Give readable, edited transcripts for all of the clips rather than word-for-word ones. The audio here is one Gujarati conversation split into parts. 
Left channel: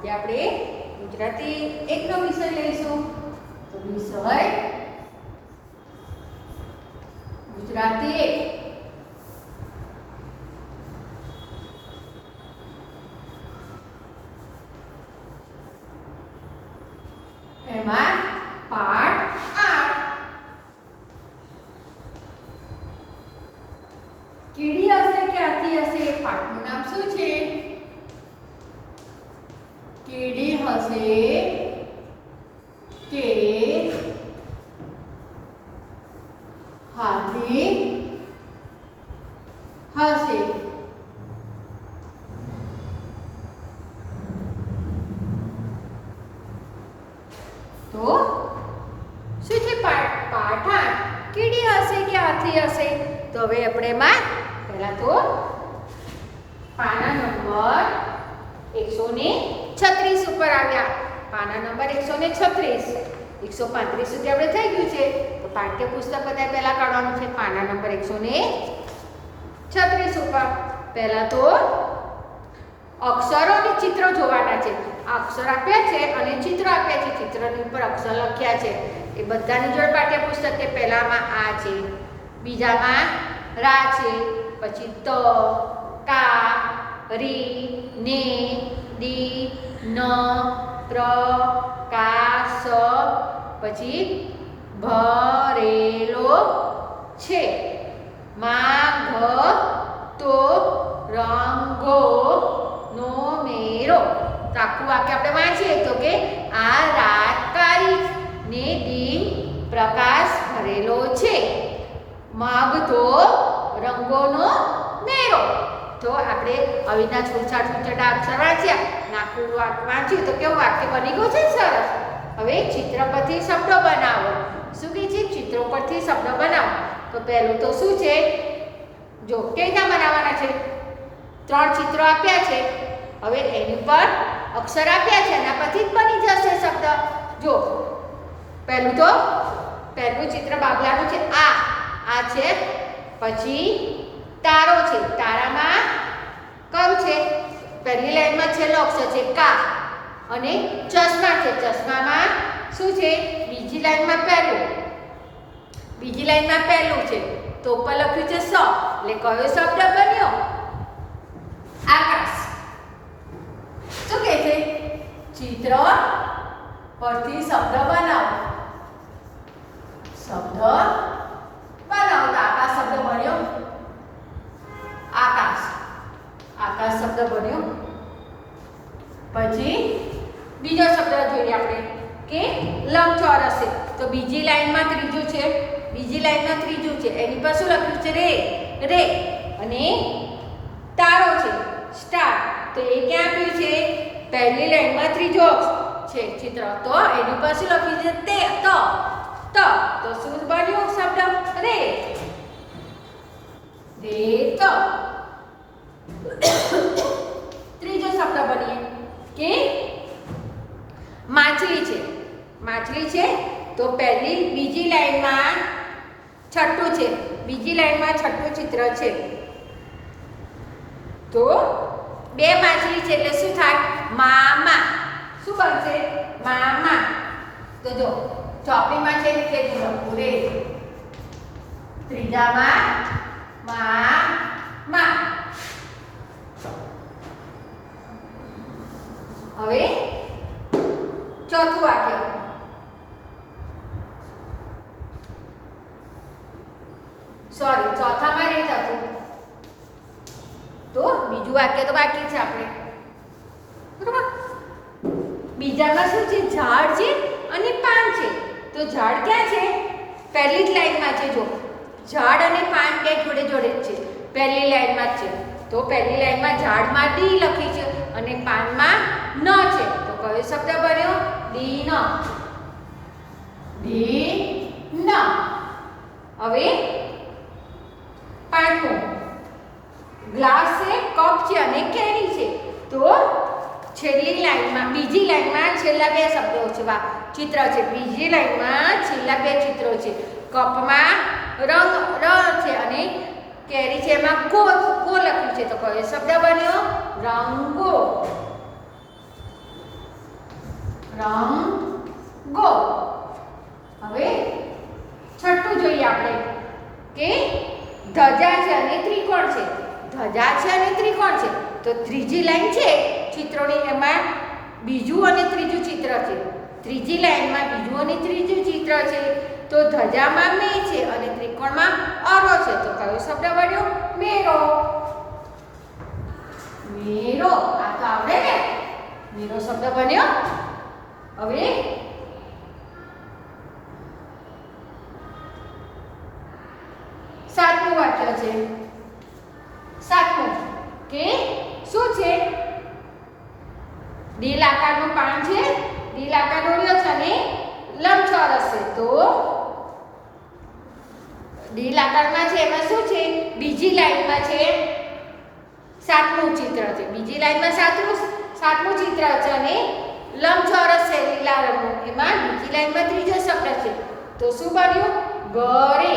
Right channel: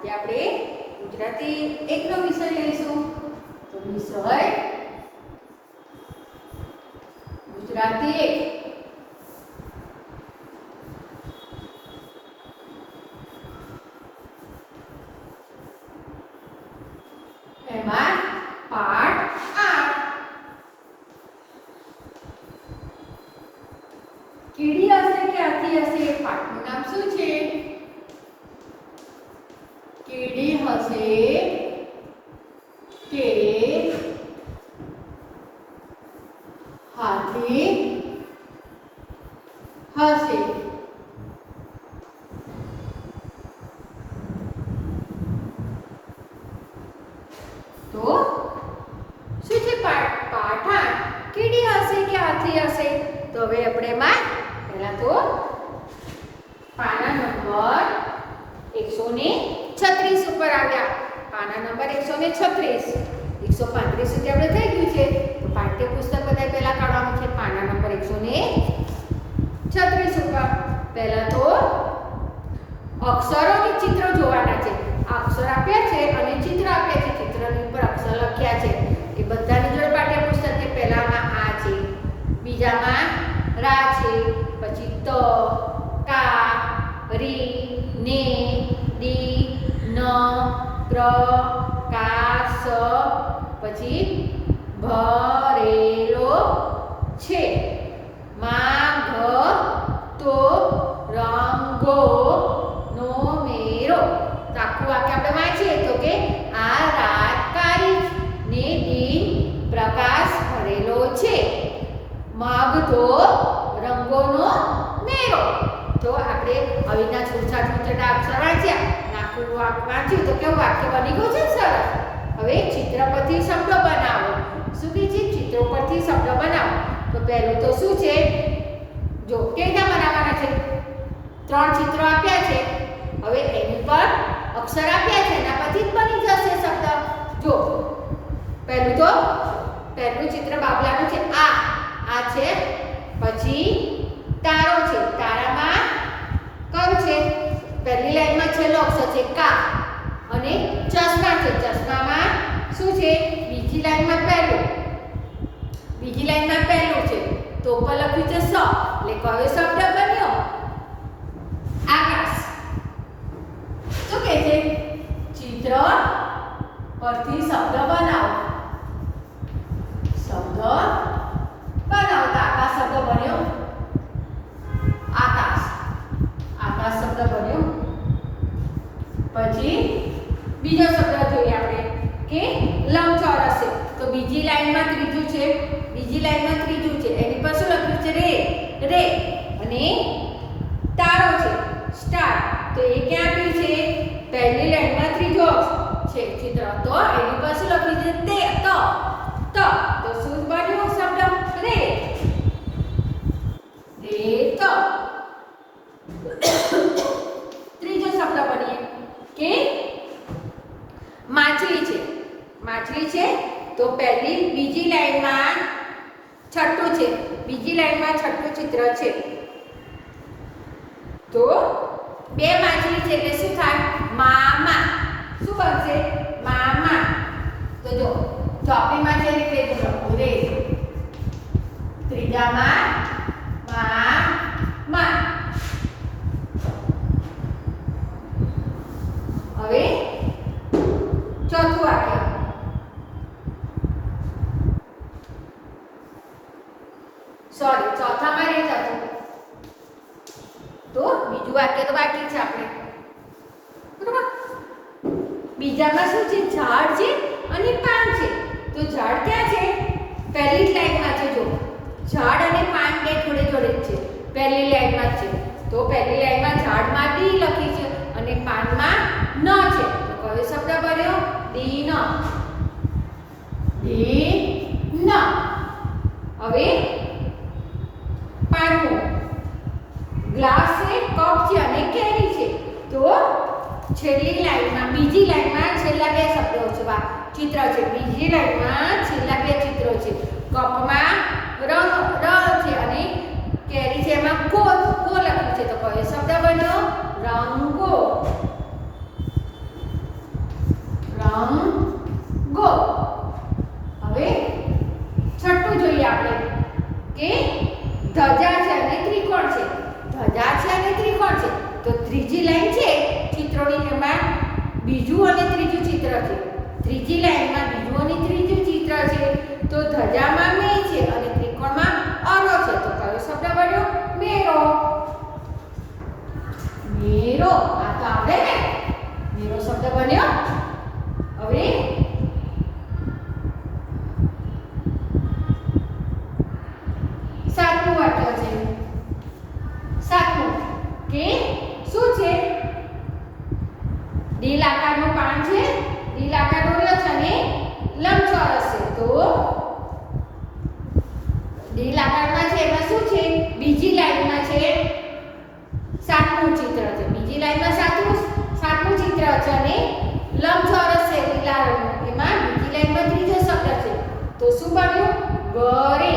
આજે આપણે ગુજરાતી એકનો વિષય લઈશું. તો વિષય ગુજરાતી એક. એમાં પાઠ 8. કીડી હશે કે હાથી હશે? પાઠનું નામ શું છે? કીડી હશે કે હાથી હશે? તો શું છે? પાઠ કીડી હશે કે હાથી હશે? તો હવે આપણે એમાં પહેલા તો પાના નંબર 136 ઉપર આવ્યા. પાના નંબર 136, 135 સુધી આપણે થઈ ગયું છે. તો પાઠ્યપુસ્તક બધા પહેલા કાઢવાનું છે. પાના નંબર 136 ઉપર પહેલા તો અક્ષરોની ચિત્રો જોવાના છે. અક્ષર આપ્યા છે અને ચિત્ર આપ્યા છે. ચિત્રની ઉપર અક્ષર લખ્યા છે. એ બધાની જોડે પાઠ્યપુસ્તક છે. પહેલામાં આ છે, બીજામાં રા છે, પછી ત, કા, રી, ને, ડી, ન, પ્ર, કા, સ, પછી ભરેલો છે. માં, ઘ, તો, રંગો નો મેરો. તો આખું વાક્ય આપણે વાંચીએ તો કે આ રાત કાળી ને દિન પ્રકાશ ભરેલો છે. મગ તો રંગોનો મેરો. તો આપણે આવી રીતના છૂટા અક્ષર વાંચ્યા, આખું વાંચ્યું તો કેવું વાક્ય બની ગયું છે સરસ. હવે ચિત્ર પરથી શબ્દો બનાવો. શું કહે છે? ચિત્રો પરથી શબ્દો બનાવો. તો પહેલું તો શું છે? જો કેવી રીતના બનાવવાના છે? 3 ચિત્રો આપ્યા છે. હવે એની પર અક્ષર આપ્યા છે, એના પરથી જ બની જશે શબ્દ. જો પહેલું ચિત્ર બાબલાનું છે. આ છે, પછી તારો છે. તારામાં કયું છે? પહેલી લાઈનમાં છેલ્લો અક્ષર છે કા. અને ચશ્મા છે. ચશ્મામાં શું છે? બીજી લાઈનમાં પહેલું છે. તો ઉપર લખ્યું છે સ. એટલે કયો શબ્દ બન્યો? આકાશ. શું કહે છે? ચિત્ર પરથી શબ્દ બનાવો. શબ્દ બનાવતા આકાશ શબ્દ બન્યો. આકાશ શબ્દ બન્યો. પછી બીજો શબ્દ જોઈએ આપણે કે લંબચોરસ છે. તો બીજી લાઈનમાં ત્રીજું છે. એની પર શું લખ્યું છે? રે. અને તારો છે, સ્ટાર. તો એ ક્યાં આપ્યું છે? પહેલી લાઈનમાં ત્રીજો છે ચિત્ર. તો એની પર શું લખ્યું છે? ત. તો શું બન્યો શબ્દ? રે. ત. ત્રીજો શબ્દ બનીએ કે માછલી છે. તો બીજી લાઈનમાં છઠ્ઠું છે. છઠ્ઠું ચિત્ર છે. તો 2 માછલી છે એટલે શું થાય? મામા. શું બનશે? મામા. તો જો ચોપડીમાં છે એટલે રે. ત્રીજામાં મામા. હવે ચોથું વાક્ય. ચોથામાં નહીં થતું. તો બીજું વાક્ય તો બાકી છે આપણે. બરાબર? બીજામાં શું છે? ઝાડ છે અને પાન છે. તો ઝાડ ક્યાં છે? પહેલી જ લાઈનમાં છે. જો ઝાડ અને પાન બે જોડે જ છે. પહેલી લાઈનમાં છે. તો પહેલી લાઈનમાં ઝાડમાં ડી લખી છે અને પાનમાં ન છે. તો કયો શબ્દ બન્યો? ડી ન. હવે પાંચમું ગ્લાસ છે, કપ છે અને કેરી છે. તો બીજી લાઈનમાં છેલ્લા 2 શબ્દો છે. ચિત્ર છે. બીજી લાઈનમાં છેલ્લા 2 ચિત્રો છે. કપમાં રંગ છે અને કેરી છે એમાં કો લખ્યું છે. તો કયો શબ્દ બન્યો? રંગો. આપણે કે ધજા છે અને ત્રિકોણ છે. ધજા છે અને ત્રિકોણ છે. તો ત્રીજી લાઈન છે ચિત્રોની, એમાં બીજું અને ત્રીજું ચિત્ર છે. ત્રીજી લાઈનમાં બીજું અને ત્રીજું ચિત્ર છે. તો ધજામાં મે છે અને ત્રિકોણમાં અરો છે. તો કયો શબ્દ બન્યો? મેરો. મેરો. આ તો આવડે ને? મેરો શબ્દ બન્યો. હવે સાતમું વાક્ય છે. સાતમું કે શું છે? દિલ આકારનું પાન છે. દિલ આકારનો રહ્યો છે અને લંબચોરસ છે. તો દિલ આકારમાં છે એમાં શું છે? બીજી લાઈનમાં છે સાતમું ચિત્ર છે. બીજી લાઈનમાં સાતમું ચિત્ર છે અને લંબચોરસ છે લીલા રંગનું. એમાં બીજી લાઈનમાં ત્રીજો શબ્દ છે. તો શું બન્યું? ઘરે.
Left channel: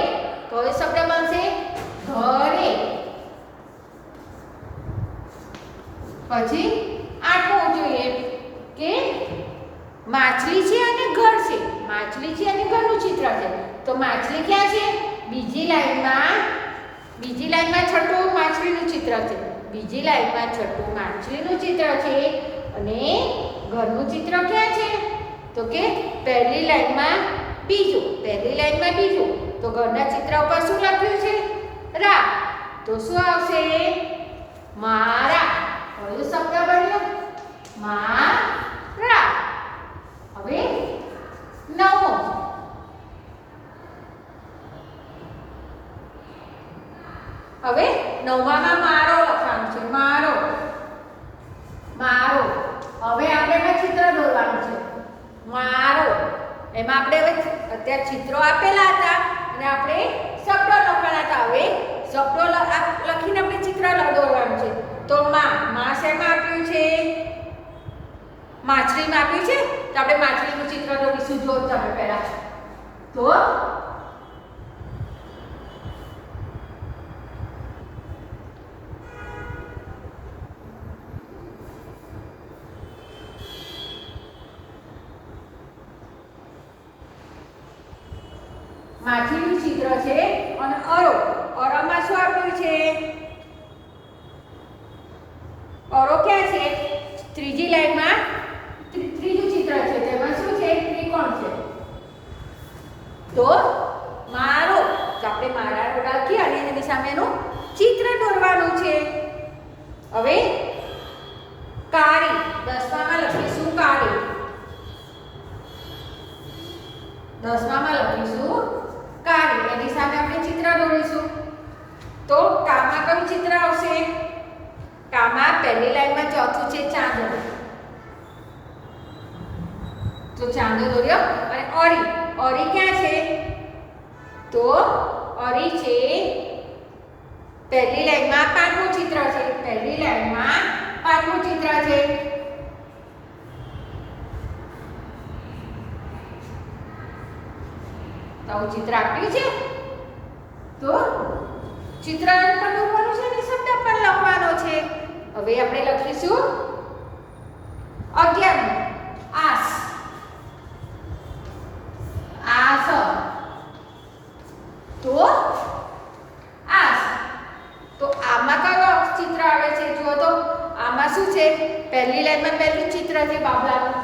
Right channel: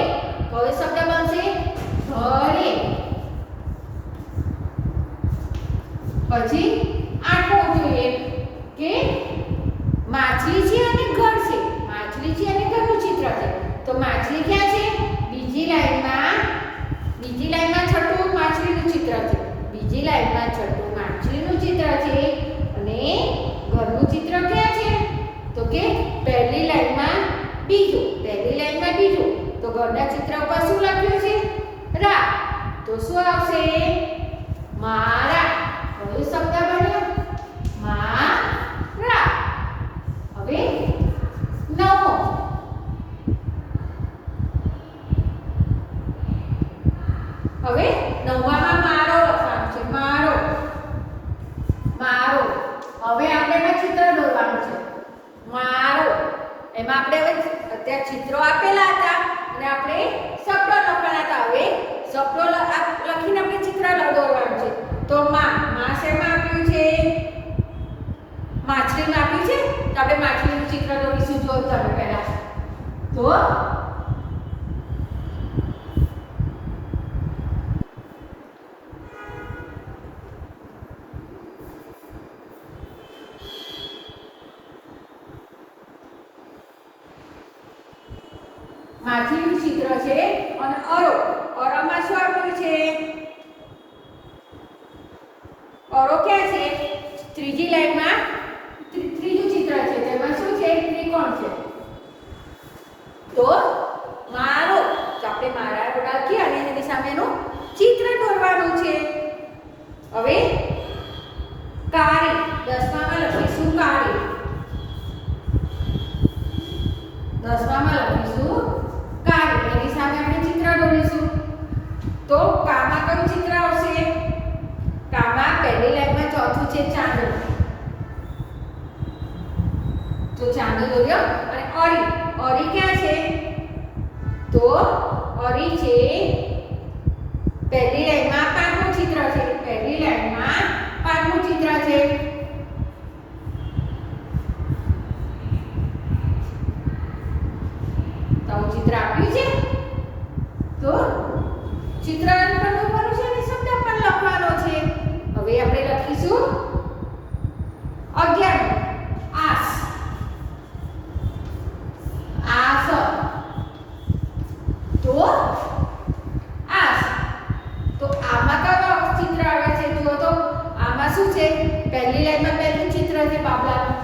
કયો શબ્દ બનશે? ઘરે. પછી આઠમું જોઈએ કે માછલી છે અને ઘર છે. માછલી છે અને ઘરનું ચિત્ર છે. તો માછલી ક્યાં છે? બીજી લાઈનમાં છઠ્ઠું માછલીનું ચિત્ર છે. બીજી લાઈનમાં છઠ્ઠું માછલીનું ચિત્ર છે અને ઘરનું ચિત્ર ક્યાં છે? તો કે પહેલી લાઈનમાં બીજું. તો ઘરના ચિત્ર ઉપર શું લખ્યું છે? રા. તો શું આવશે? મારા. કયો શબ્દ બન્યો? મારા. હવે નવમો. હવે નવમામાં મારો લખવાનું છે. મારો. હવે આપણે ચિત્ર દોરવાનું છે. મારો. એમાં આપણે હવે અત્યારે ચિત્રો આપેલા હતા અને આપણે શબ્દો લખવાના હતા. હવે શબ્દો લખીને આપણે ચિત્ર દોરવાનું છે. તો માં શેમાં આપ્યું છે? માછલીમાં આપ્યું છે. તો આપણે માછલીનું ચિત્ર દોરીશું. જો તમે પહેલા તો માછલીનું ચિત્ર છે અને અરોમાં શું આપ્યું છે? અરો ક્યાં છે? ત્રીજી લાઈનમાં ત્રીજું ચિત્ર છે. તેમાં શું છે? ત્રિકોણ છે. તો મારો. તો આપણે મારાનો લખી અને એની સામેનું ચિત્ર દોરવાનું છે. હવે કાળી. 10મામાં લખીશું કાળી. 10મામાં લખીશું કાળી. એની સામે આપણે ચિત્ર દોરીશું. તો કામાં કયું ચિત્ર આવશે? કામાં પહેલી લાઈનમાં ચોથું છે ચાંદો. તો ચાંદો દોર્યો. અને અરી ક્યાં છે? તો અરી છે પહેલી લાઈનમાં પાંચમું ચિત્ર છે. તો ચિત્ર આપ્યું છે. તો ચિત્ર પણ દોરવાનું છે અને શબ્દ પણ લખવાનો છે. હવે આપણે લખીશું 11 આસ. તો આમાં કયો ચિત્ર આવે છે? જુઓ તો આમાં શું છે? પહેલી લાઈનમાં પહેલું ચિત્ર છે બાબલાનું.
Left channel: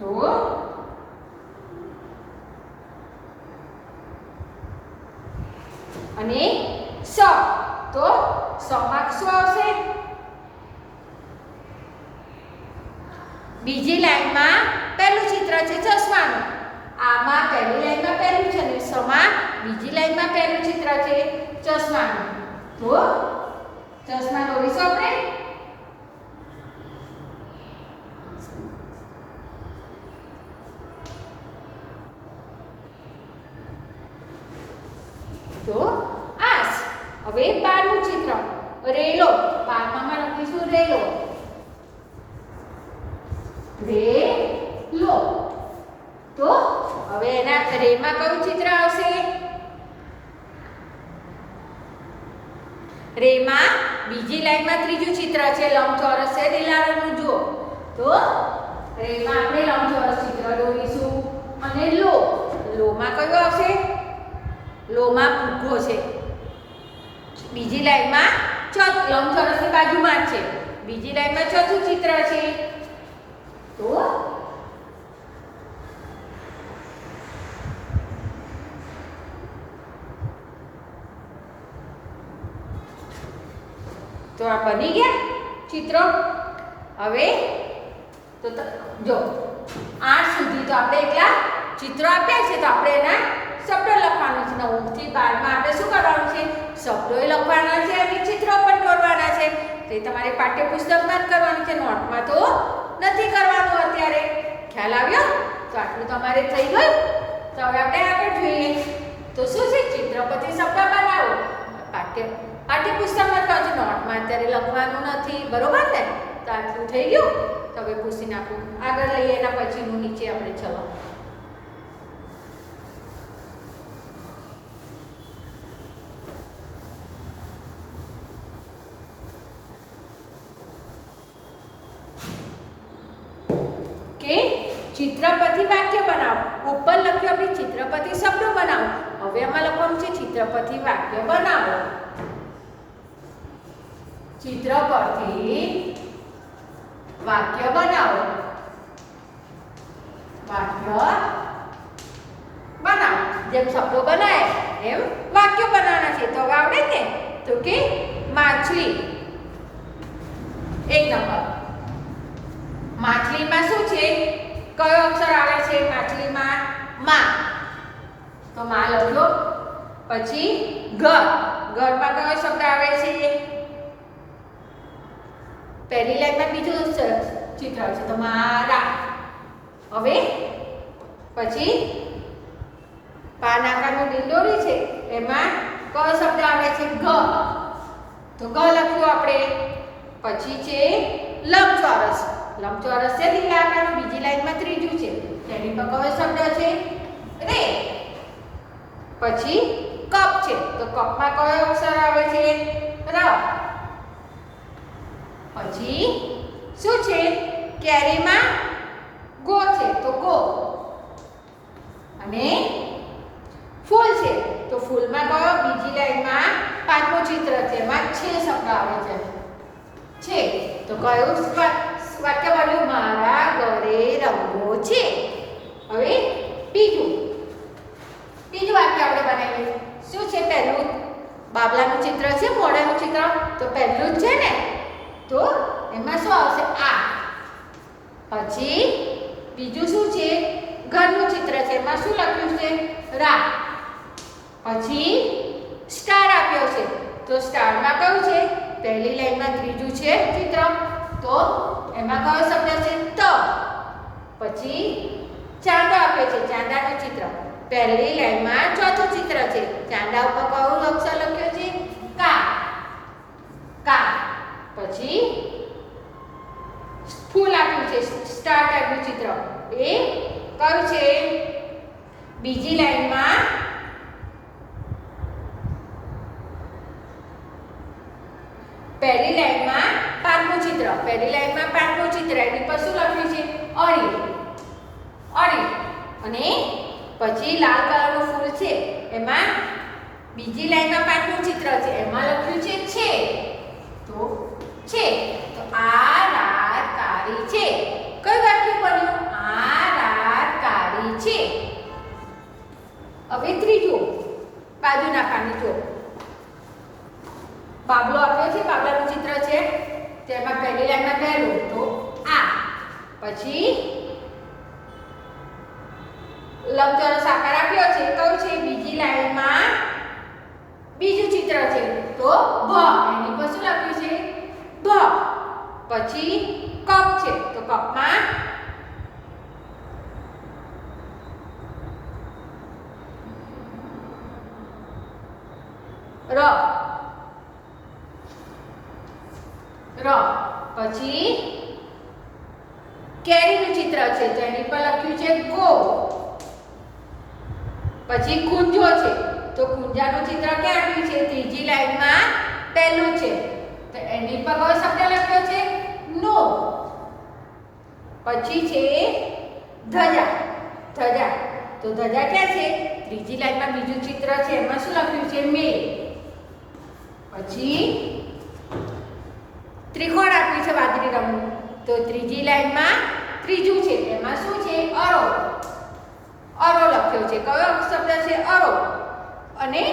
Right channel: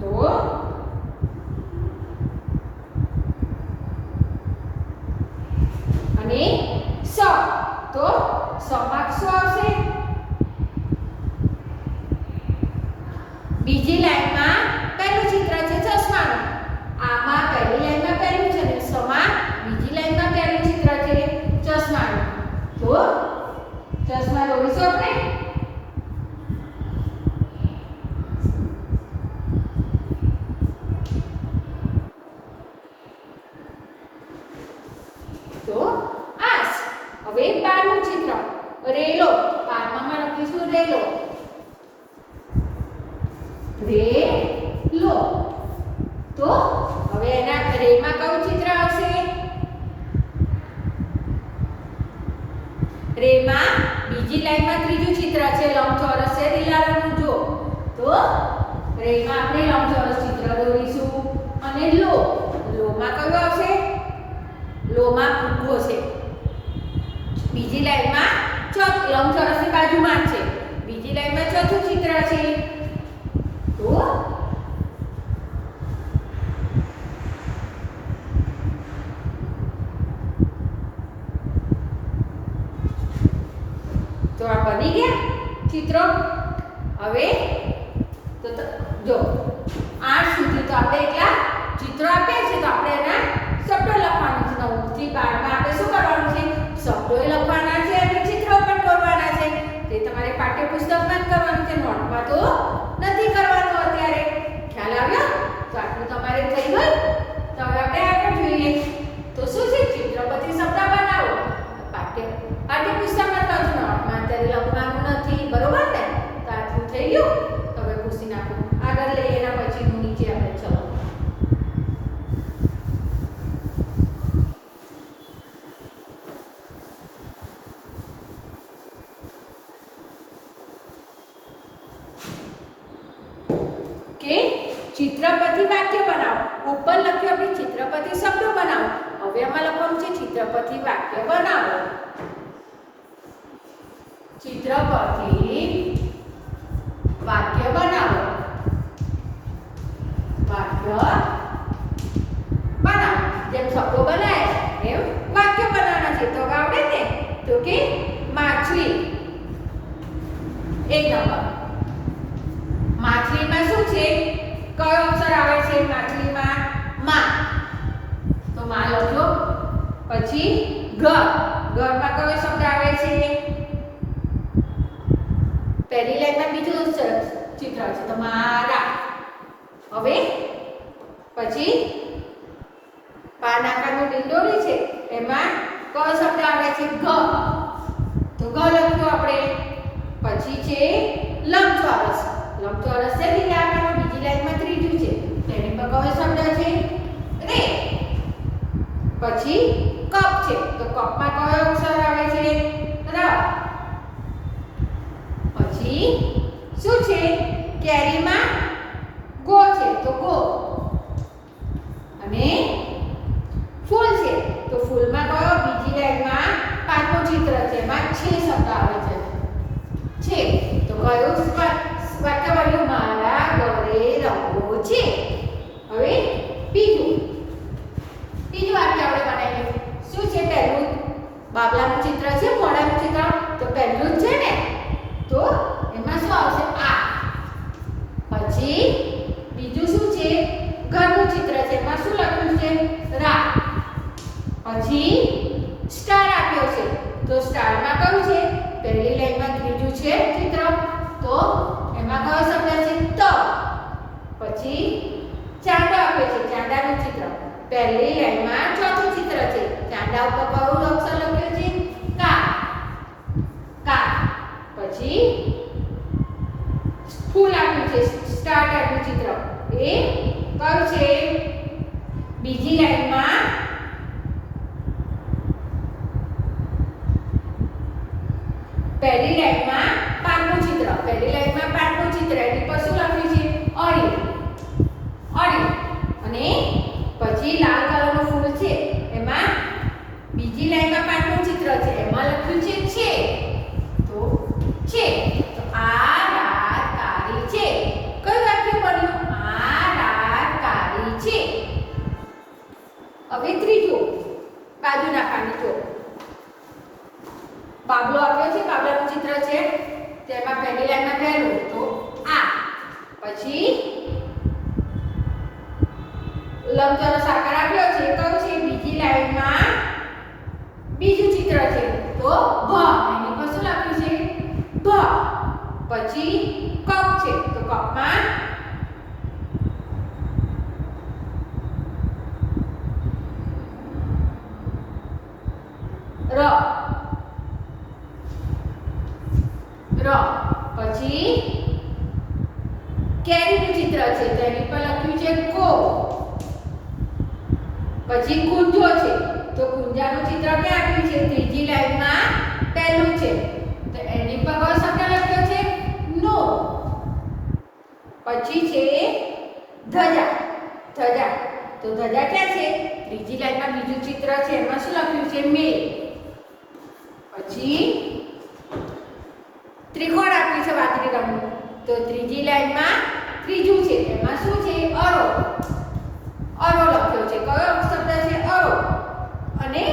તો અને સ. તો સમાં શું આવશે? બીજી લાઈનમાં પહેલું ચિત્ર છે ચશ્માનું. આમાં પહેલી લાઈનમાં પહેલું છે અને સમાં બીજી લાઈનમાં પહેલું ચિત્ર છે ચશ્માનું. તો ચશ્મા દોરીશું આપણે. તો આસ. હવે 12મું ચિત્ર રેલો. 12મામાં લખીશું રેલો. તો હવે એના રેમાં કયું ચિત્ર આવશે? રેમાં બીજી લાઈનમાં ત્રીજું ચિત્ર છે લંબચોરસ છે લીલા રંગનું. જો તો રેમાં આપણે લંબચોરસ ચિત્ર દોરીશું અને લો. લોમાં કયો આવશે? લોમાં ફુગ્ગો છે. બીજી લાઈનમાં લંબચોરસની બાજુમાં જ છે. બીજી લાઈનમાં ચોથું ચિત્ર છે. તો આ બની ગયા ચિત્રો. હવે તો જો 8 સુધી તો આપણે એટલા ચિત્રો આપ્યા છે, તો આપણે એના શબ્દો લખવાના છે. 9 થી 12 માં આપણે શું કરવાનું છે? શબ્દો લખવાના છે અને ચિત્રો પણ દોરવાના છે. તે તમારે પાઠ્યપુસ્તકમાં જ કરવાનું છે, નોટમાં તો નથી કરવાનું અત્યારે. ખ્યાલ આવ્યો? તો આટલું તમારે થઈ ગયું. તો હવે આપણે આગળ જોઈએ. તો શું છે? ચિત્ર પરથી શબ્દ બનાવો. પાઠ્યપુસ્તકમાં તો જ નોટમાં અત્યારે લખવાનું નથી, બરોબર ને? તો આટલું થઈ ગયું. તો હવે પૂછી નાખું. આગળ લઈએ, એના પછીનું નીચે આપણે ચલો. ચિત્ર પરથી વાક્ય બનાવો. ઉપર લખ્યું આપણે ચિત્ર પરથી શબ્દો બનાવો. હવે આમાં લખવાનું છે ચિત્ર પરથી વાક્ય બનાવો. ચિત્ર પરથી વાક્ય બનાવો. વાક્ય બનાવો. જેમ શબ્દો બનાવ્યા એમ વાક્ય બનાવવાના છે. તો આવડે ને? તો કે માછલી. 1 નંબર. માછલીમાં શું છે? કયો અક્ષર આવે છે માછલીમાં? માં. તો માં લખો. પછી ઘર. ઘરમાં કયો શબ્દ આવે છે? પહેલી લાઈનમાં બીજું ચિત્ર છે, તો મારા. હવે પછી પાન આકારનું દિલદોરી છે, એમાં કયો શબ્દ આવે છે? ઘ. તો ઘ લખ્યું આપણે. પછી છે લંબચોરસ. લંબચોરસ છે લીલા આકારનું. બીજી લાઈનમાં ત્રીજું છે, તેની પર કયો શબ્દ છે? રે. પછી કપ છે, તો કપમાં કયો અક્ષર આવે છે? ર. પછી શું છે? કેરીમાં ગો છે, તો ગો. અને ફૂલ છે, તો ફૂલમાં કયો? બીજી લાઈનમાં પાંચમું ચિત્ર છે, એમાં છે શબ્દ આવે છે. છે તો કયું વાક્ય બન્યું? મારા ઘરે રંગો છે. હવે બીજું વાક્ય આપણે બનાવીએ. શું છે? પહેલું બાબલાનું ચિત્ર છે, મોઢાનું ચિત્ર. તો પહેલું જ છે ને, તો એમાં શું આવશે? આ. પછી બીજું શું છે? ઘરનું ચિત્ર છે, એમાં શું લખ્યું છે? રા. પછી સ્ટાર આપ્યો છે, તો સ્ટારમાં કયું છે? પહેલી લાઈનમાં ત્રીજું છે ચિત્ર, તો એમાં કયો શબ્દ છે? ત. પછી ચાંદો આપ્યો છે, ચાંદાનું ચિત્ર. પહેલી લાઈનમાં ચોથું ચિત્ર છે, ચાંદા ઉપર કયું અક્ષર લખ્યો છે? કા. કા. પછી ફૂલ આપ્યું છે, સ્ટાર આપ્યું ચિત્ર. એ કયું છે? બીજી લાઈનમાં પહેલી લાઈનમાં પાંચમું ચિત્ર. પહેલી લાઈનમાં પાંચમું ચિત્ર, એની પર શું લખ્યું છે? અળી. અળી. અને પછી લાલ કલરનું ફૂલ છે, એમાં બીજી લાઈનમાં પાંચમું ચિત્ર છે, એમાં લખ્યું છે. તો છે. તો આ રાત કાળી છે. કયું વાક્ય બન્યું? આ રાત કાળી છે. હવે ત્રીજું બાજુના પાનું જો. બાબલો આપ્યો છે, બાબલાનું ચિત્ર છે, તેમાં પહેલી લાઈનમાં પહેલું તો આ. પછી લંબચોરસ આકાર આપ્યો છે, કયું છે? બીજી લાઈનમાં બીજું ચિત્ર છે, તો ભ. એની પર શું લખ્યું છે? ભ. પછી કપ છે, તો કપમાં ર. ર. પછી કેરીનું ચિત્ર છે, તો એની પર લખ્યું છે કો. પછી કુંજો છે, તો કુંજાનું ચિત્ર ક્યાં આપ્યું છે? ત્રીજી લાઈનમાં પહેલું છે, તો એની પર કયો શબ્દ લખ્યો છે? નો. પછી છે ધજા. ધજા તો ધજા ક્યાં છે? ત્રીજી લાઈનમાં બીજું ચિત્ર છે, એમાં શું લખ્યું છે? મેલ. પછી ત્રિકોણ આપ્યું છે વાદળી રંગનું, તો ત્રીજી લાઈનમાં ત્રીજું છે, એમાં શું છે? અરો. અરો લખ્યો છે. કયો શબ્દ છે? અરો. અને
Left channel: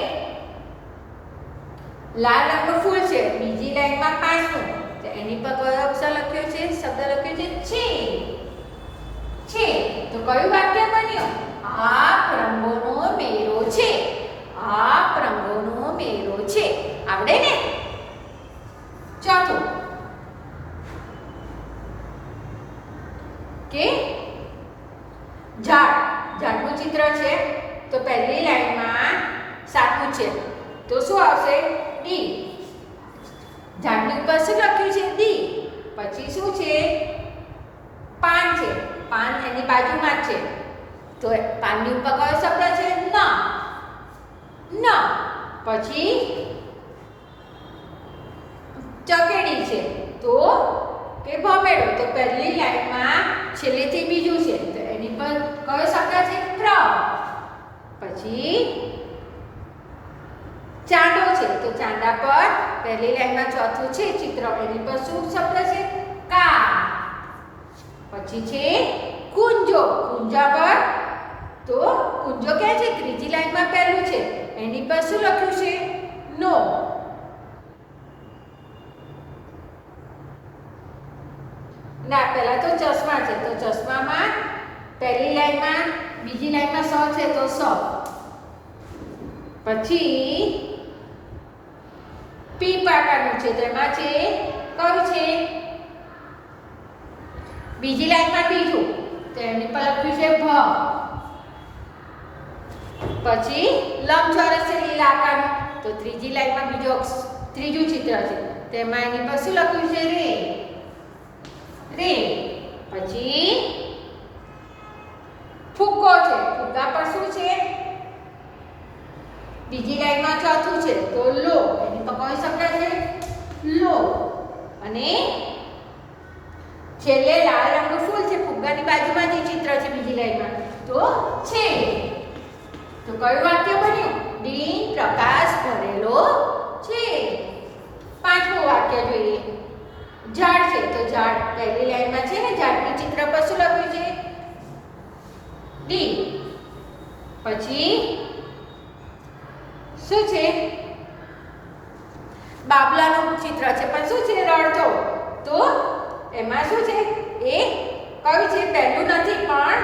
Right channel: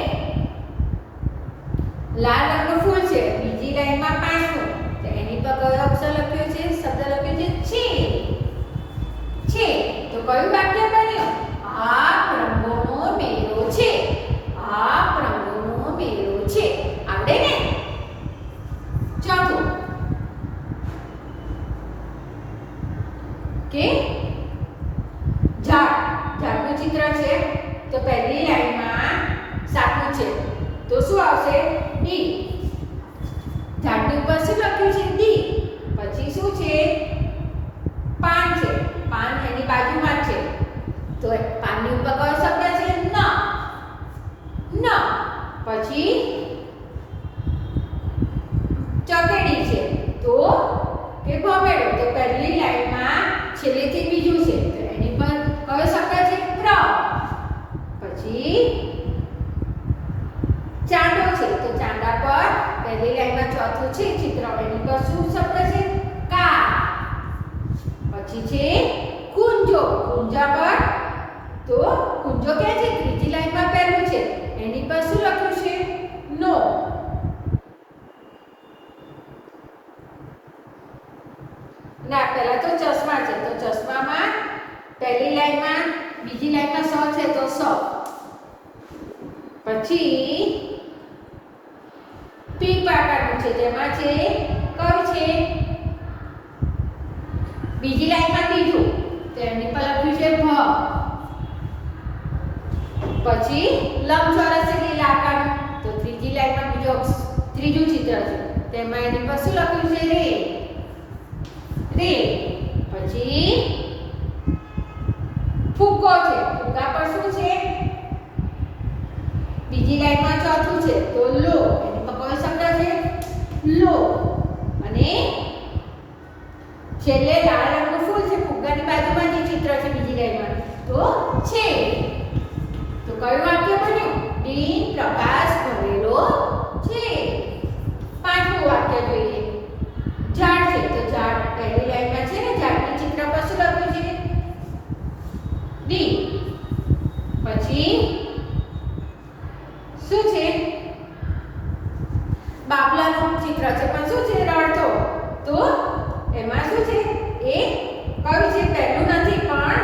લાલ રંગનું ફૂલ છે બીજી લાઈનમાં પાંચમું, તો એની પર કયો અક્ષર લખ્યો છે? શબ્દ લખ્યો છે છે. છે. તો કયું વાક્ય બન્યું? આપ રંગોનો મેળો છે. આપ રંગોનો મેળો છે. આવડે ને? ચોથું કે ઝાડ. ઝાડનું ચિત્ર છે, તો પહેલી લાઈનમાં સાતમું છે, તો શું આવશે? ડી. ઝાડની ઉપર શું લખ્યું છે? ડી. પછી શું છે? પાન છે. પાન એની બાજુમાં જ છે, તો પાનની ઉપર કયો શબ્દ છે? ન. ન. પછી ચકેડી છે, તો કે ભમેડો, તો પહેલી લાઈનમાં છેલ્લેથી બીજું છે, તો એની પર કયો શબ્દ છે? પ્ર. પછી ચાંદો છે, તો ચાંદા પર પહેલી લાઈનમાં ચોથું છે ચિત્ર, એની પર શું શબ્દ છે? કા. પછી છે કુંજો. કુંજા પર, તો કુંજો ક્યાં છે? ત્રીજી લાઈનમાં પહેલું છે, એની પર શું લખ્યું છે? નો. ના, પહેલા તો ચશ્મા છે, તો ચશ્મામાં પહેલી લાઈનમાં બીજી લાઈનમાં સ છે, તો સ. પછી પી પાકાનું છે, તો એમાં છે કયું છે? બીજી લાઈનમાં બીજું, તો એની પર લખ્યું છે ભ. પછી લંબચોરસ છે લીલા આકારનું, તો ત્રીજી લાઈનમાં ત્રીજું ચિત્ર છે, તેમાં એની પર શું લખ્યું છે? રે. રે. પછી ફુગ્ગો છે. ફુગ્ગા પર શું છે? બીજી લાઈનમાં ચોથું છે, તો લો. એની પર કયો શબ્દ છે? લો. અને છેલ્લે લાલ રંગનું ફૂલ છે, ફુગ્ગાની બાજુમાં જે ચિત્ર છે બીજી લાઈનમાં, તો છે. તો કયું વાક્ય બન્યું? ડી પ્રકાશ ભરેલો છે. પાંચમું વાક્ય જોઈએ. ઝાડ છે, તો ઝાડ પહેલી લાઈનમાં છે ને, ઝાડની ચિત્ર પર શું લખ્યું છે? ડી. પછી શું છે? બાબલાનું ચિત્ર છે, પણ શું છે? રડતો. તો એમાં શું છે? એ કયું છે? પહેલું નથી પણ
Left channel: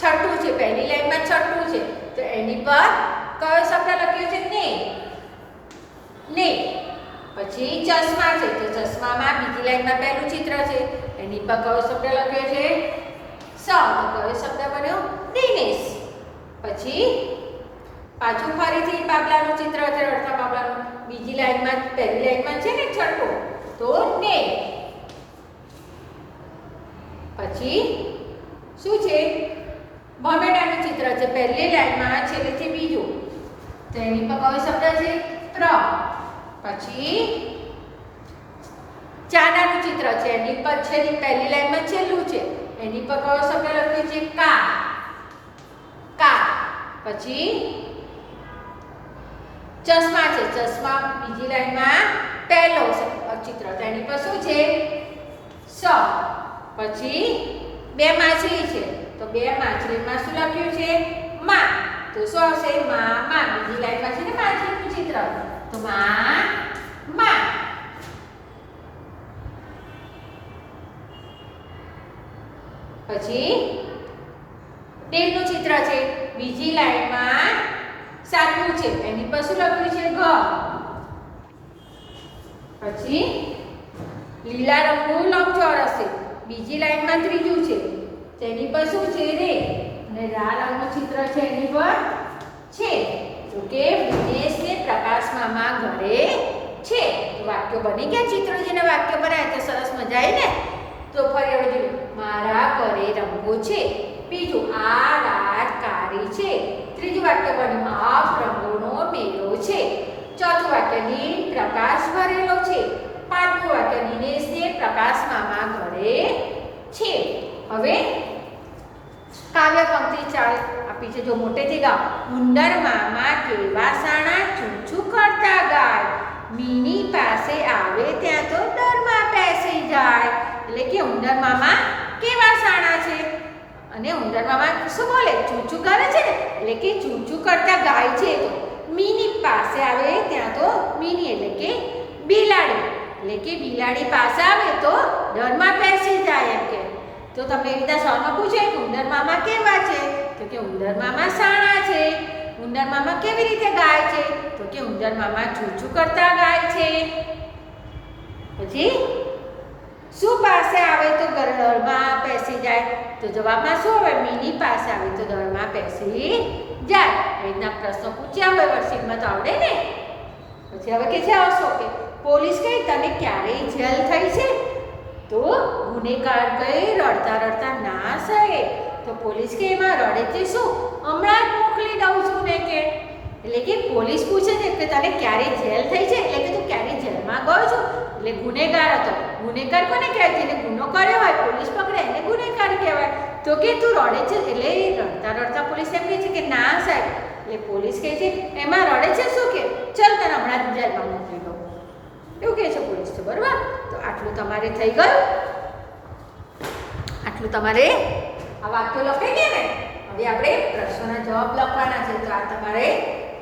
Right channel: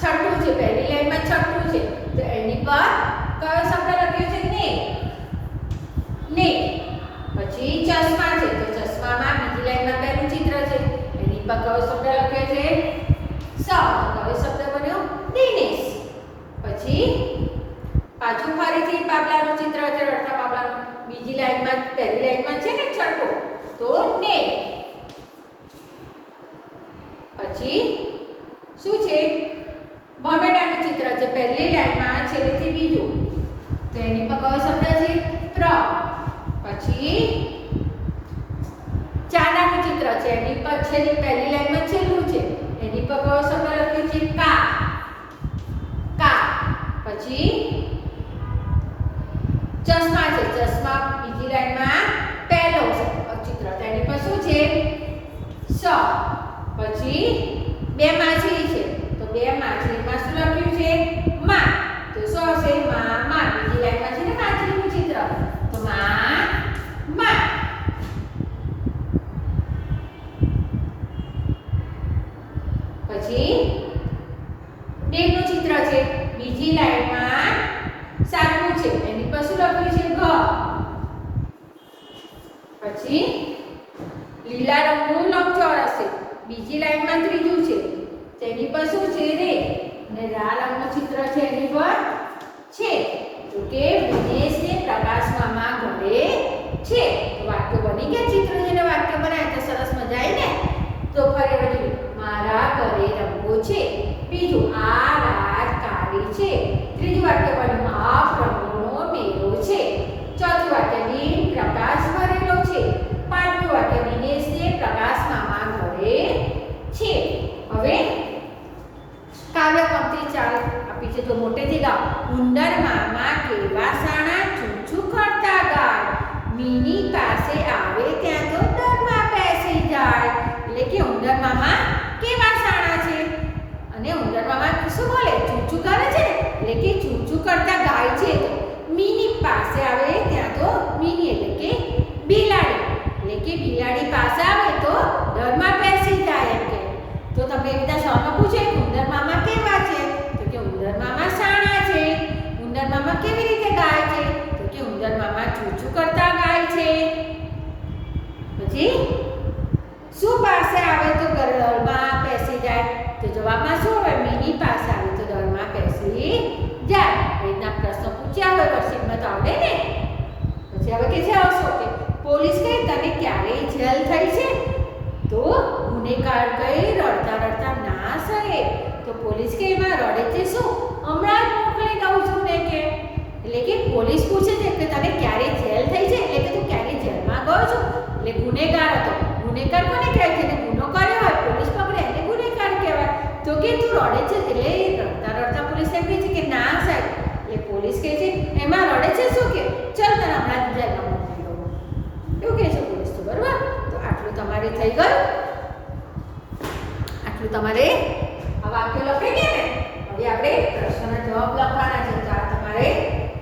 છઠ્ઠું છે, પહેલી લાઈનમાં છઠ્ઠું છે, તો એની પર કયો શબ્દ લખ્યો છે? ને. ને. પછી ચશ્મા છે, તો ચશ્મામાં બીજી લાઈનમાં પહેલું ચિત્ર છે, એની પર કયો શબ્દ લખ્યો છે? સ. કયો શબ્દ બન્યો? દિનેશ. પછી પાછું ફરીથી બાબલાનું ચિત્ર છે, રડતા બાબલાનું, બીજી લાઈનમાં પહેલી લાઈનમાં છે ને છઠ્ઠું, તો ને. પછી શું છે? ભમેડાનું ચિત્ર છે, પહેલી લાઈનમાં છેલ્લેથી બીજું, તો એની પર કયો શબ્દ છે? પ્ર. પછી ચાંદાનું ચિત્ર છે, એની પર પહેલી લાઈનમાં છેલ્લું છે, એની પર કયો શબ્દ લખ્યો છે? કા. કા. પછી ચશ્મા છે, ચશ્મા બીજી લાઈનમાં પહેલો ચિત્ર, એની પર શું છે? સ. પછી બે માછલી છે, તો બે માછલીમાં શું લખ્યું છે? માં. તો શું આવશે? માં. બીજી લાઈનમાં છે ને માછલીનું ચિત્ર, તો માં. પછી દેવનું ચિત્ર છે, બીજી લાઈનમાં સાતમું છે, એની પર શું લખ્યું છે? ઘ. પછી લીલા રંગનું લંબચોરસ છે, બીજી લાઈનમાં ત્રીજું છે, તેની પર શું છે? રે. અને લાલ રંગનું ચિત્ર છે, એની પર છે, તો કે વિનેશને પ્રકાશ મામા ઘરે છે. તો વાક્ય બની ગયા. ચિત્ર જેને વાક્ય બનાવ્યા તો સરસ મજા આવી ને. તો ફરી હવે જોઈએ. મારા ઘરે રંગો છે. બીજું, આ રાત કાળી છે. ત્રીજું વાક્ય બન્યું, આપ રંગોનો મેળો છે. ચોથું વાક્ય, લીલ પ્રકાશ ભરેલો છે. પાંચમું વાક્ય, વિનેશને પ્રકાશ મામા ઘરે છે. હવે काव्य पंक्ति चाल आ पीछे जो मोटे थी गाओ। उंदर मामा केवा साणा चूचू करता गाय, मीनी पासे आवे त्या तो डरमा बेसी जाय। એટલે કે ઉંદર મામા કેવા સાણા છે અને ઉંદર મામા શું બોલે ચૂચુ કરે છે ને એટલે કે ચૂચુ કરતા ગાય છે તો મીની પાસે આવે ત્યાં તો મીની એટલે કે બિલાડી એટલે કે બિલાડી પાસે આવે તો ડરમાં બેસી જાય એમ કે તો તમને એવી રીતના સવાલમાં પૂછે કે ઉંદર મામા કેવા છે તો કે ઉંદર મામા સાણા છે। ઉંદર મામા કેવી રીતે ગાય છે તો કે ઉંદર મામા ચૂચુ કરતા ગાય છે। પછી શું પાસે આવે તો ડરમાં બેસી જાય તો જવાબમાં શું આવે મીની પાસે આવે તો ડરમાં બેસી જાય। એ રીતના પ્રશ્ન પૂછ્યા હોય વર્કશીટમાં તો આવડે ને। પછી હવે કે છે આવશો કે પોલીસ કહે તને ક્યારેય જેલ થઈ છે તો ગુનેગાર કહે રડતા રડતા ના સહે તો પોલીસ કહે એમાં રડે છે શું હમણાં જ મોકલી દઉં છું ને કે એટલે કે પોલીસ પૂછે છે કે તને ક્યારે જેલ થઈ છે એટલે કે તું ક્યારે જેલમાં ગયો છો એટલે ગુનેગાર હતો। ગુનેગાર કોને કહેવાય જેને ગુનો કર્યો હોય પોલીસ પકડે એને ગુનેગાર કહેવાય તો કે તું રડે છે એટલે રડતા રડતા પોલીસ એમ કહે છે કે ના સાહેબ એટલે પોલીસ કહે છે એમાં રડે છે શું કે ચાલ તને હમણાં જ જેલમાં મોકલી દઉં એવું કહે છે પોલીસ તો બરાબર। તો આટલું તમારે થઈ ગયું, આટલું તમારે આ વાક્ય લખાઈ ગયા ને। હવે આપણે પ્રશ્નના જવાબ લખવાના છે તો આ તમારે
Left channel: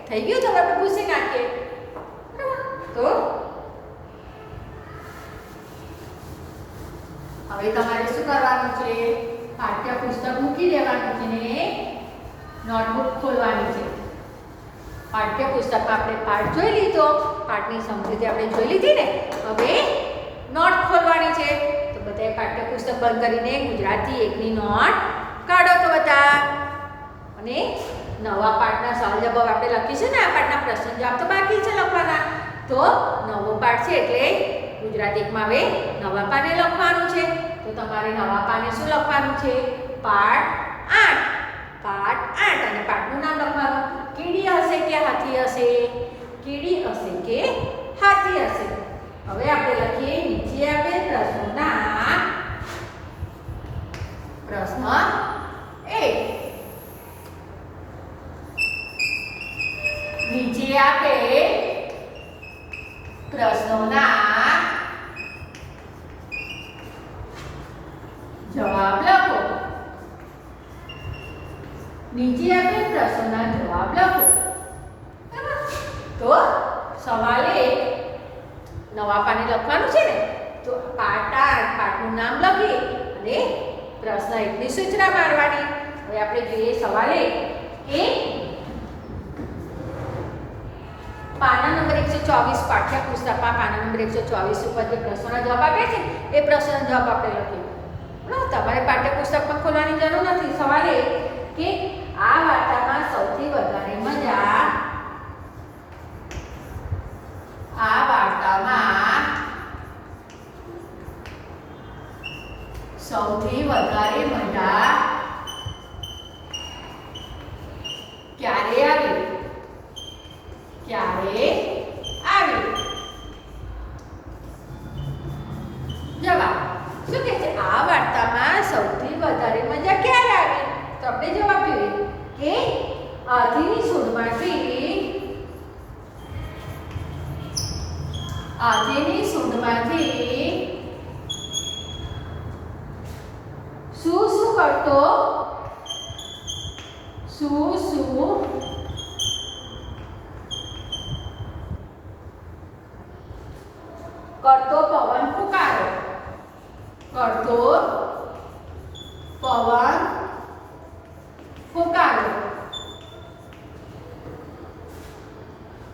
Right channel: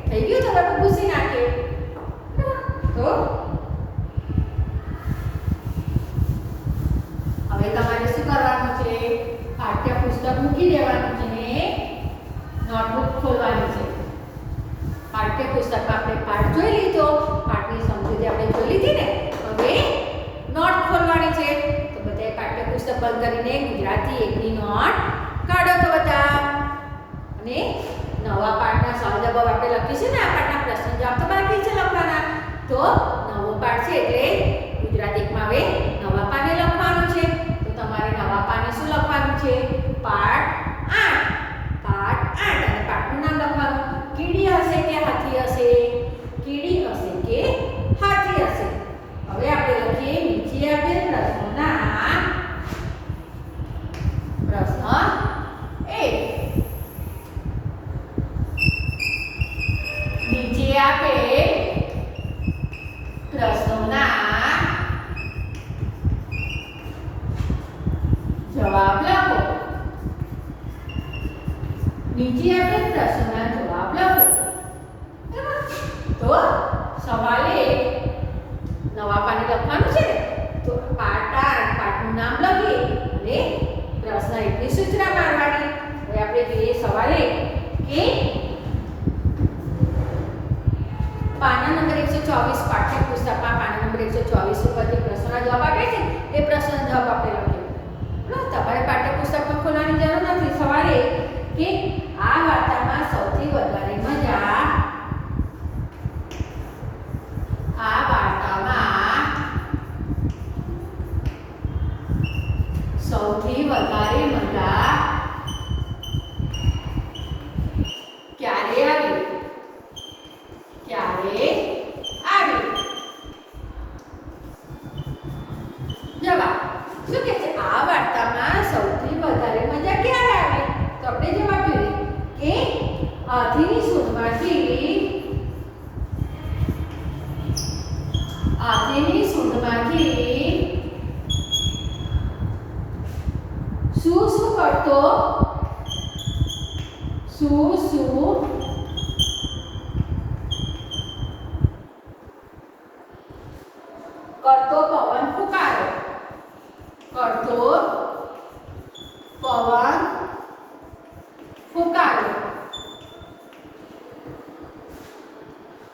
થઈ ગયું તો આપણે ભૂસી નાખીએ તો હવે તમારે શું કરવાનું છે પાઠ્યપુસ્તક મૂકી દેવાનું છે ને નોટબુક ખોલવાની છે। પાઠ્યપુસ્તકમાં આપણે પાઠ જોઈ લીધો, પાઠની સમજૂતી આપણે જોઈ લીધી ને। હવે નોટ ખોલવાની છે તો બધાએ પાઠ્યપુસ્તક બંધ કરીને ગુજરાતી 1ની નોટ કાઢો તો બધા અને નવા પાઠના સવાલ જવાબ આપણે લખીશું ને આ પાઠના પ્રશ્ન જવાબ તો બાકી છે લખવાના તો નવો પાઠ છે એટલે ગુજરાતી 1માં હવે નવા પાને લખવાનું છે તો તમારે નવા પાને શું લખવાનું છે પાઠ 8 અને પાઠનું નામ લખવાનું કીડી હશે કે હાથી હશે કીડી હશે કે હાથી હશે। હવે આપણે લખીએ નીચે આપેલ પ્રશ્નોના પ્રશ્ન 1 નીચે આપેલ પ્રશ્નોના જવાબ લખો। નીચે આપેલ પ્રશ્નોના જવાબ લખો। તો સવાલ 1 નવા પાને લખવાનું છે ને તો પાઠ 8 પાઠનું નામ લખી અને પ્રશ્ન 1ની સૂચના મારવાની। હવે આપણે જોઈએ સવાલ 1 કે પાના નંબર 124 પાઠ્યપુસ્તકમાં પાના નંબર 124 ઉપર જે પ્રશ્નોના જવાબ આપ્યા છે એ પ્રશ્નના જવાબ આપણે લખીએ। બરાબર તમારે પાઠ્યપુસ્તકમાં ખોલવાની જરૂર નથી। સવાલ 1 કે આ વાર્તામાં સૌથી વધારે મજા ક્યારે આવી જવાબ શું કહે છે આ વાર્તામાં સૌથી વધારે મજા ક્યારે આવી તો આપણે જવાબ જોઈએ કે હાથીની સૂંઢમાંથી શું કરતો પવન ફૂંકાયો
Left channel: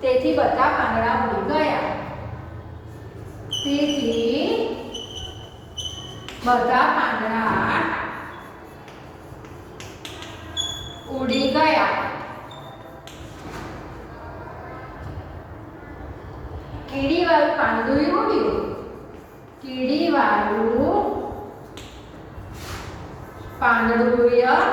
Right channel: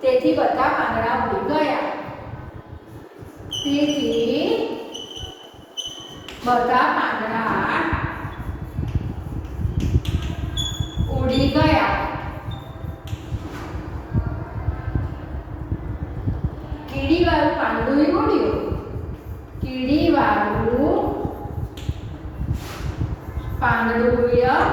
તેથી બધા પાંદડા ઉડી ગયા। કીડીવાળું પાંદડું ઉડ્યું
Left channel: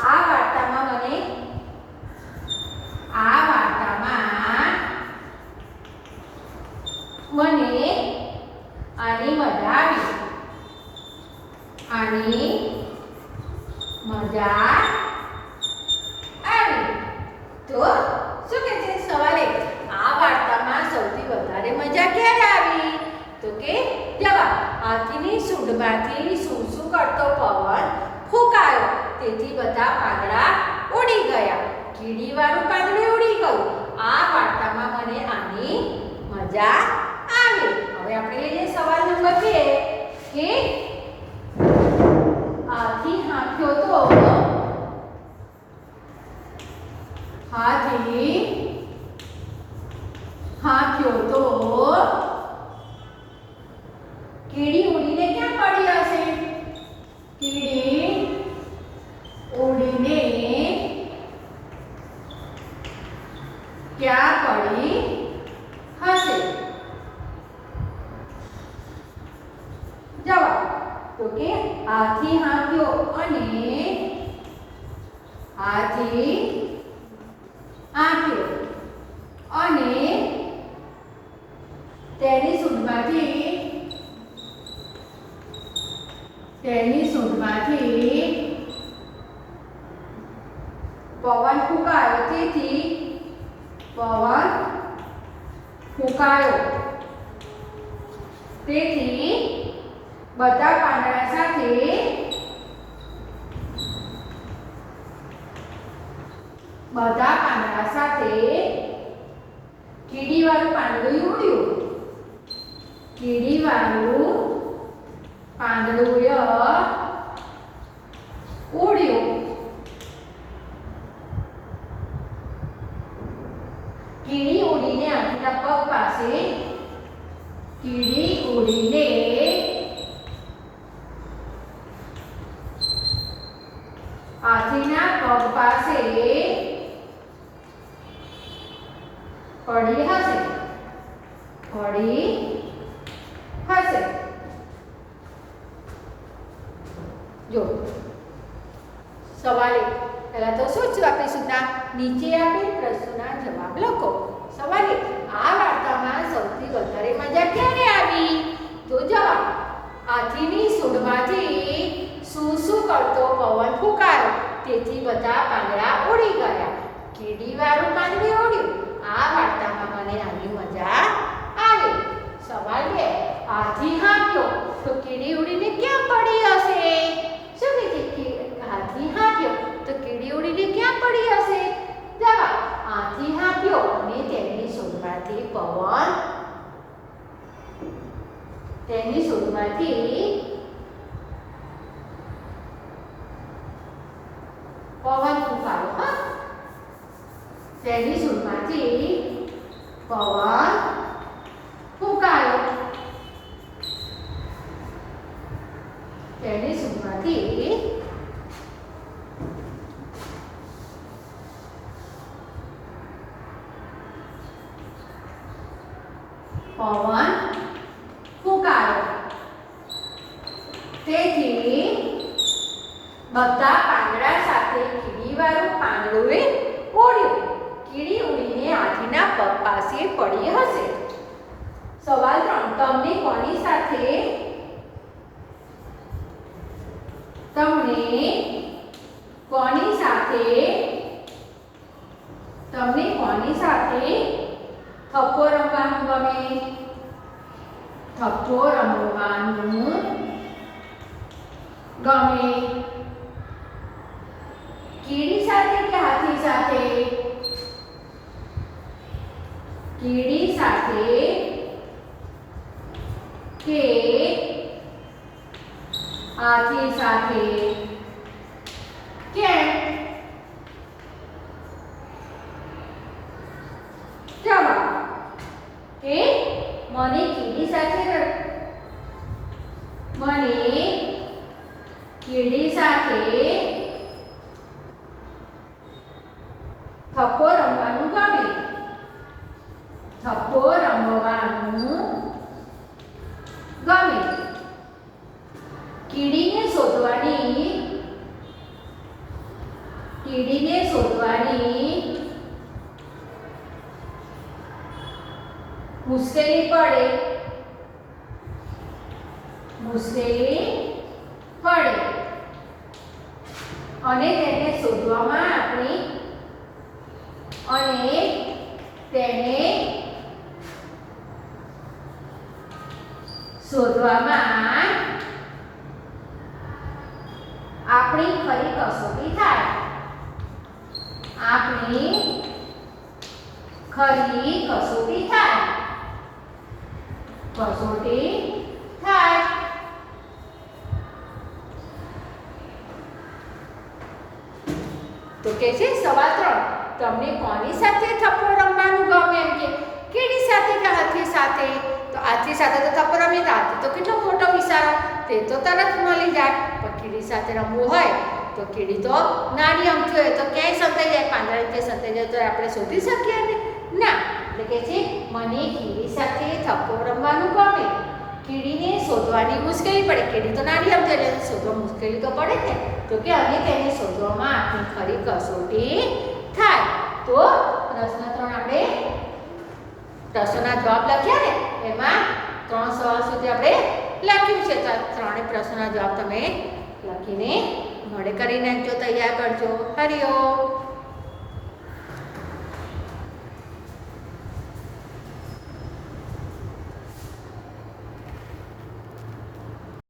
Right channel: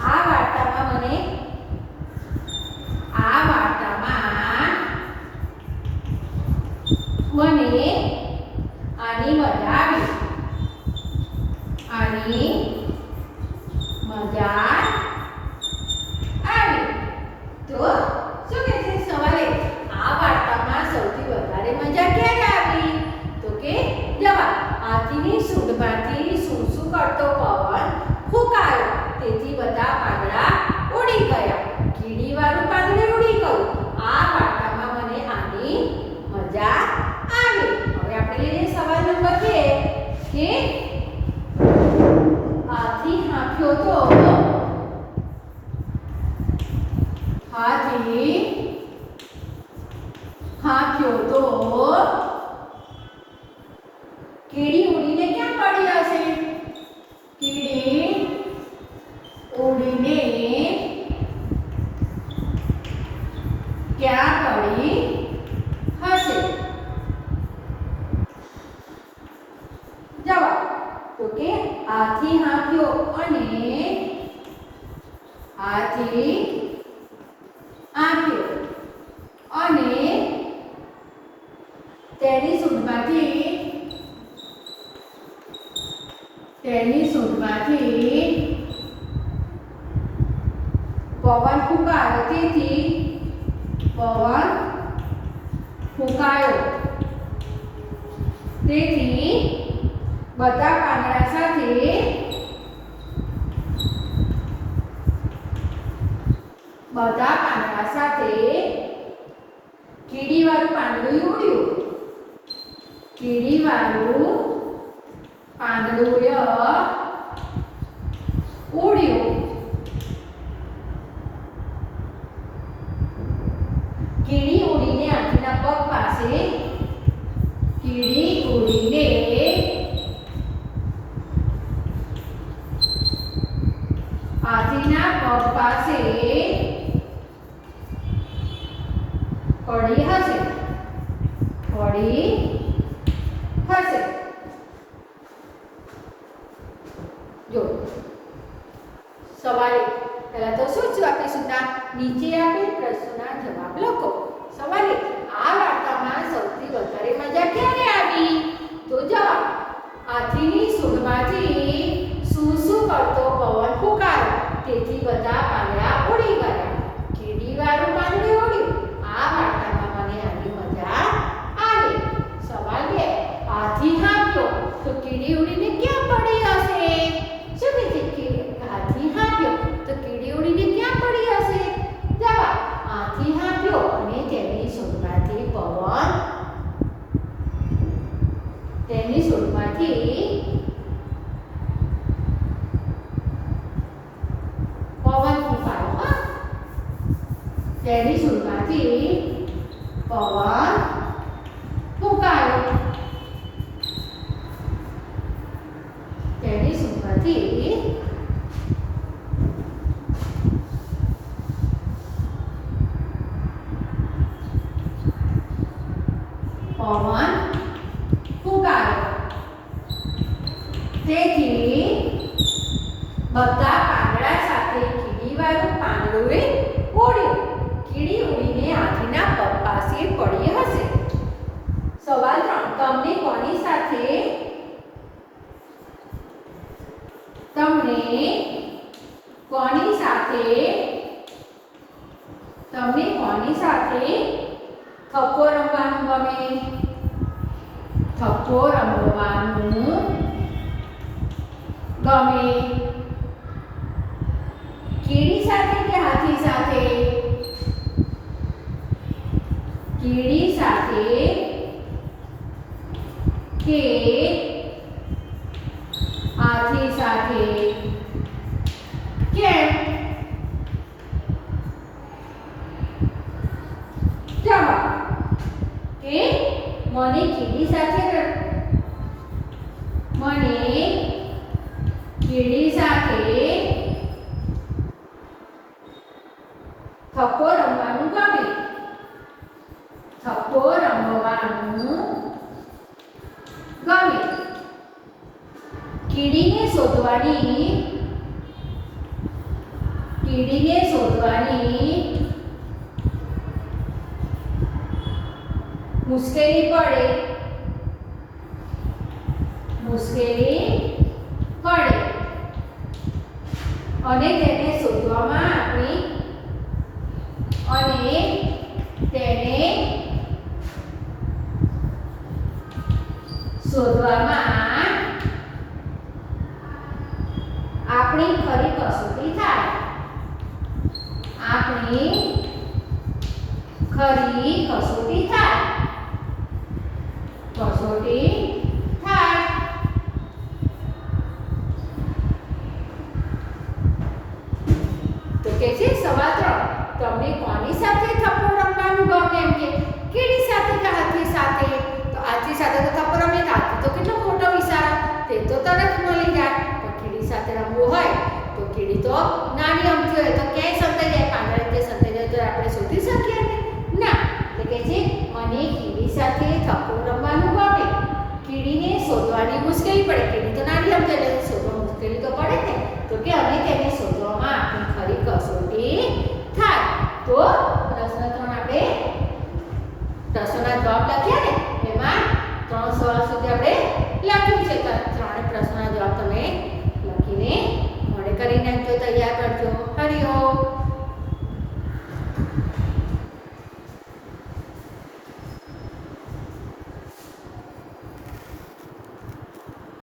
આ વાર્તામાં મને આનંદ આની મજા આવી. તો શું કહે છે સવારે આ વાર્તામાં સૌથી વધારે મજા ક્યારે આવી? તો કે જવાબ હાથીની સૂંઢમાંથી શું શું કરતો પવન ફૂંકાયો તેથી બધા પાંદડા ઉડી ગયા. કીડીવાળું પાંદડું ઉડી ગયું. આ વાર્તામાં મને આની મજા આવી. હવે આપણે લઈએ સવાલ નંબર 2 કે હાથી હાંક્યો તો કીડી ઉડીને ક્યાં પડી હશે? કીડી ઉડીને ક્યાં પડી હશે? જવાબ તો કે હાથી હાંક્યો અને હાથી આંક્યો અને તેની સૂંઢમાંથી પવન ફૂંકાયો તેથી બધા પાંદડા સાથે કીડીવાળું પાંદડું ઉડ્યું. કીડીવાળું પાંદડું ઉડ્યું. કીડી ઉડીને હાથીના પગ પાસે પડી હશે. જો સવાલે પહેલા તો શું છે આપીશું? નીચે આપેલ પ્રશ્નના જવાબ લખો. સવાલે આ વાર્તામાં સૌથી વધારે મજા ક્યારે આવી? તો જવાબ હાથીની સૂંઢમાંથી શું શું કરતો પવન ફૂંકાયો તેથી બધા પાંદડા ઉડી ગયા. કીડીવાળું પાંદડું ઉડ્યું. આ વાર્તામાં મને આની મજા આવી. સવાલ 2 હાથી હાંક્યો તો કીડી ઉડીને ક્યાં પડી હશે? શું કહે છે? હાથી હાંક્યો તો કીડી ઉડીને ક્યાં પડી હશે? જવાબ હાથી હાંક્યો અને તેની સૂંઢમાંથી પવન ફૂંકાયો. તેની સૂંઢમાંથી પવન ફૂંકાયો. તેની સૂંઢમાંથી પવન ફૂંકાયો. તેથી બધા પાંદડા સાથે કીડીવાળું પાંદડું ઉડ્યું. કીડી ઉડીને હાથીના પગ પાસે પડી હશે. સવાલ 3 તમને કોની સાથે થપ્પો રમવાનું ગમે? થપ્પો રમવાનું ગમે કીડી સાથે કે હાથી સાથે? કીડી સાથે કે હાથી સાથે? કેમ? જવાબ કે મને કીડી સાથે થપ્પો રમવાનું ગમે. થપ્પો રમવાનું ગમે. કીડીને શોધવાની મુશ્કેલી પડે અને તેને શોધવામાં આપણી ખરી કસોટી થાય. આપણી ખરી કસોટી થાય. તો કે છે સવાલ 3, તમને કોની સાથે થપ્પો રમવાનું ગમે? એમ કે કીડી સાથે કે હાથી સાથે? તો હાથી સાથે તો થપ્પો રમે, હાથી તો કેટલો મોટો વિચારો, તે તો તરત મળી જાય. પણ કીડી સાથે રમવું હોય તો કીડી તો નાની અમથી હોય, તો ક્યાંય સંતાઈ જાય, પાંદડા રીતે સંતાઈ જાય તો આપણે શોધી શકીએ ને? ના. એટલે કે છે મને કીડી સાથે થપ્પો રમવાનું ગમે. કીડીને શોધવાની મુશ્કેલી પડે, કીડી તો નાની અમથી એટલે શોધવા મુશ્કેલી તો પડે ને. તો કે અમે તેને શોધવામાં આપણી ખરી કસોટી થાય. તો પ્રશ્ન 3 આપણે પ્રશ્નના જવાબ લખ્યા ને, એમાં 3 સવાલ સુધી આપણે લખ્યું છે. તો 3 પ્રશ્નના જવાબ તમે લખીને મોડે કરી નાખજો, તૈયાર કરજો. હરિઓમ.